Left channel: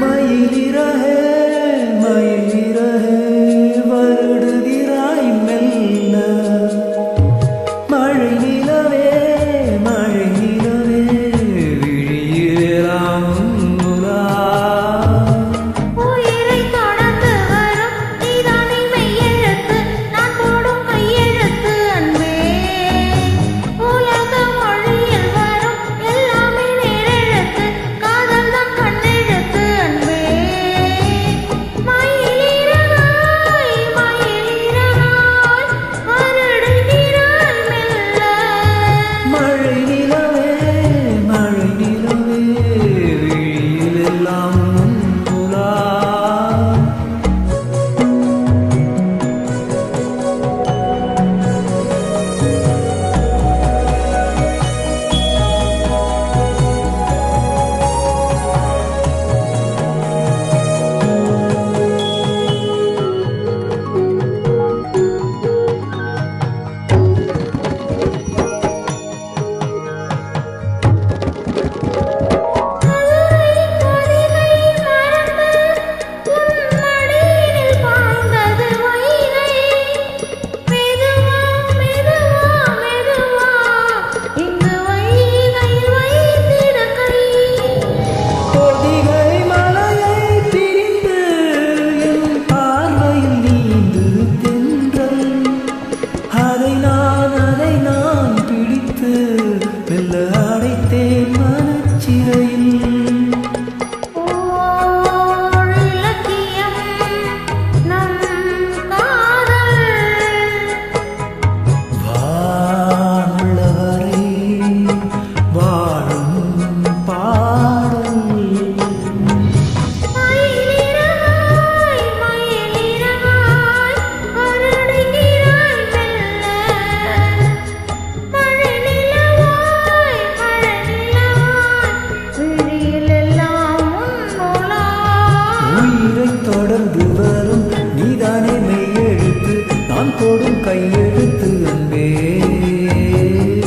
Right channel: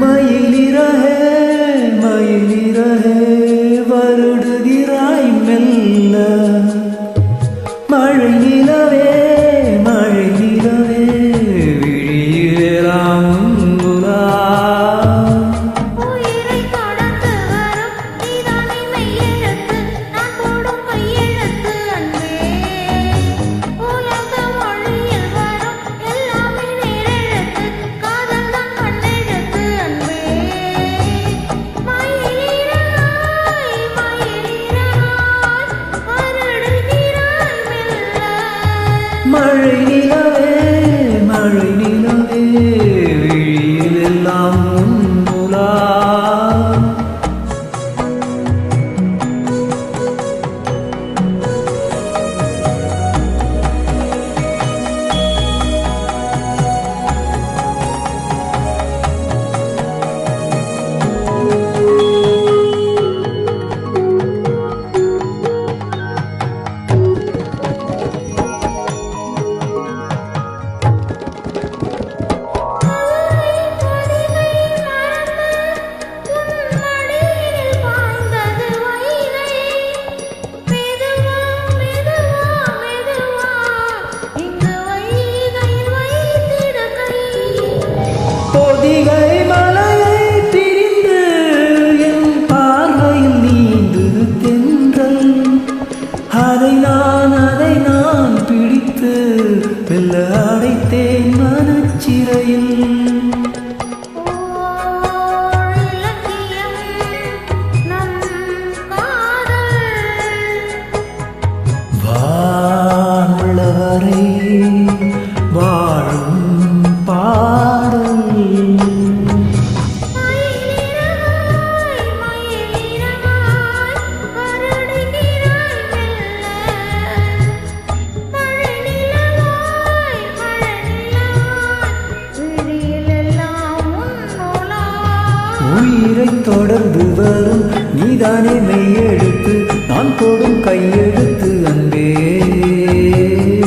மயிலிறகே மயிலிறகே வருடுகிறாய் மெல்ல மழை நிலவே விழியிலாம் உலா உயிரை தொடர்ந்து வரும் நீதானே மெய்யெழுத்து நான் போடும் கையெழுத்து அன்பே உலக மொழியில் வரும் எல்லாமே நேரெழுத்து காதல் தான் கண்ணெழுத்து அன்பே மயிலிறகாய் வருடுகிறாய் மெல்ல மழை நிலவே விழியில் எல்லாம் உலா பொதிகை மலையை பிரிந்து என் பார்வையில் நீந்துது தென்றல் அதை நான் பிடித்து மெல்ல அடைத்தேன் மனச்சிறையில் வானுள்ளவரை வாழும் பாடல் உயிரை தொடர்ந்து வரும் நீதானே மெய்யெழுத்து நான் போடும் கையெழுத்து அன்பே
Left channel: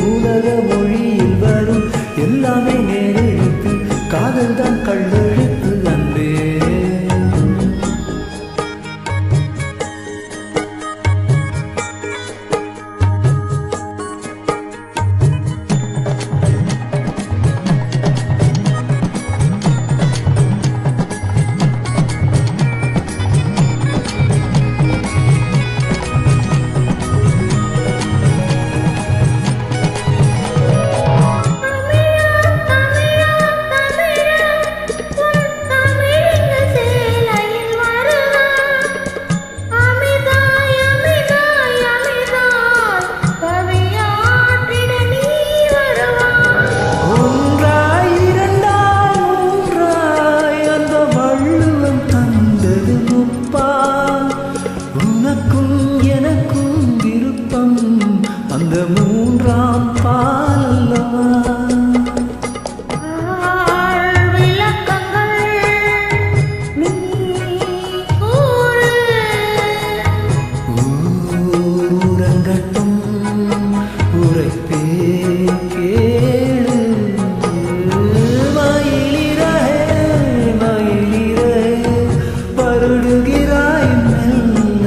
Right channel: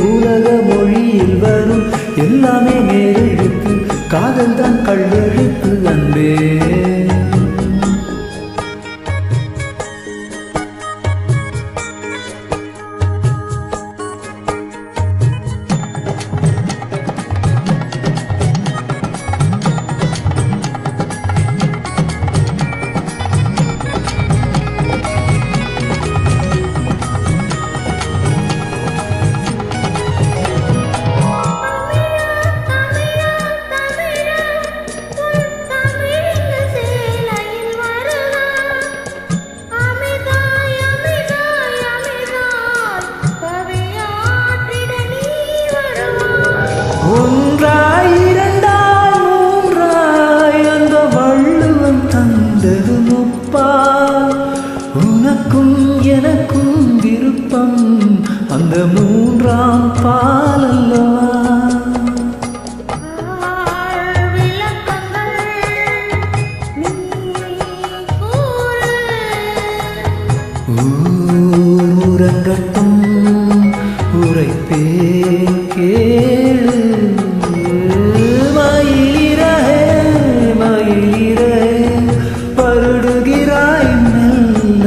உலக மொழியில் வரும் எல்லாமே நேரெழுத்து காதல் தான் கள்ளெழுத்து அன்பே ஒன்றாய் இரண்டாய் மூன்றாய் அந்த வள்ளுவம் தந்தது முப்பால் உனக்கும் எனக்கும் விருப்பம் அந்த மூன்றாம் பால் அல்லவா ஊரங்கட்டும் உரைப்பேன் கேளு மயிலிறகே வருடுகிறாய் மெல்ல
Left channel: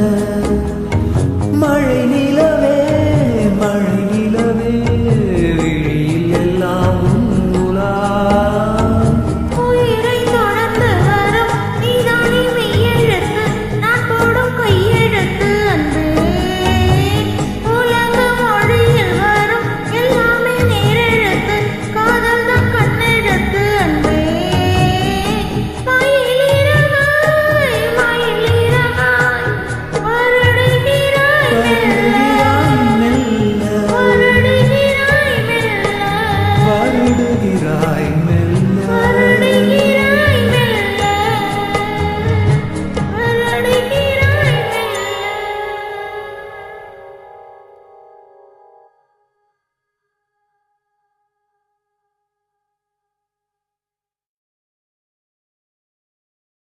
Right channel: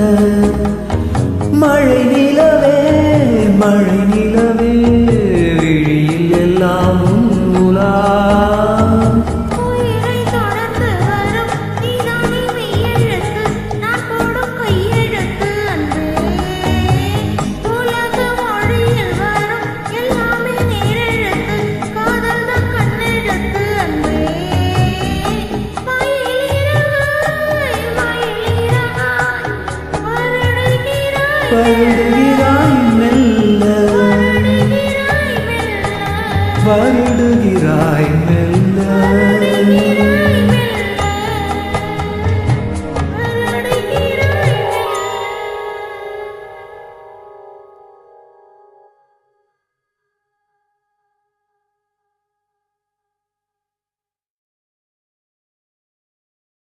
மழை நிலவே விழியில் எல்லாம் உலா உயிரை தொடர்ந்து வரும் நீதானே மெய்யெழுத்து நான் போடும் கையெழுத்து அன்பே உலக மொழியில் வரும் எல்லாமே நேரெழுத்து காதல் தான் கண்ணெழுத்து அன்பே மயிலிறகாய் வருடுகிறாய் மெல்ல வருடுகிறாய் மெல்ல